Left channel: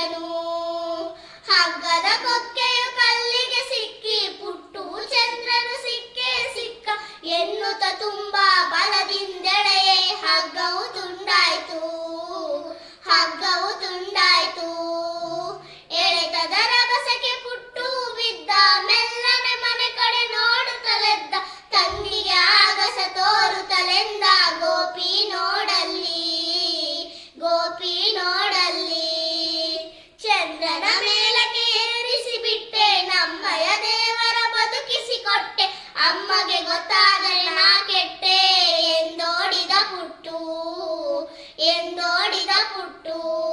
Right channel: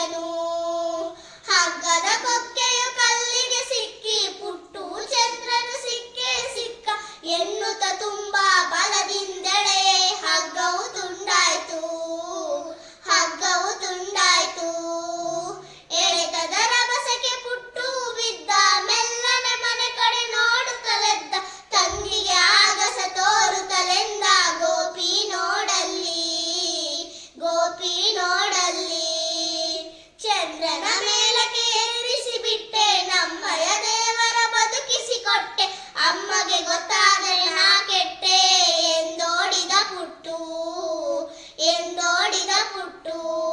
ಬಂದನು ಹಗ್ಗದ ಕೊಕ್ಕೆಯು ಕಲ್ಲಿಗೆ ಸಿಕ್ಕಿ ಪುಟ್ಟು ಚಂದ್ರನು ಸಿಕ್ಕೇ ಸಿಕ್ಕ ಎನ್ನುತ್ತ ತುಂಬಾ ಬಲ satu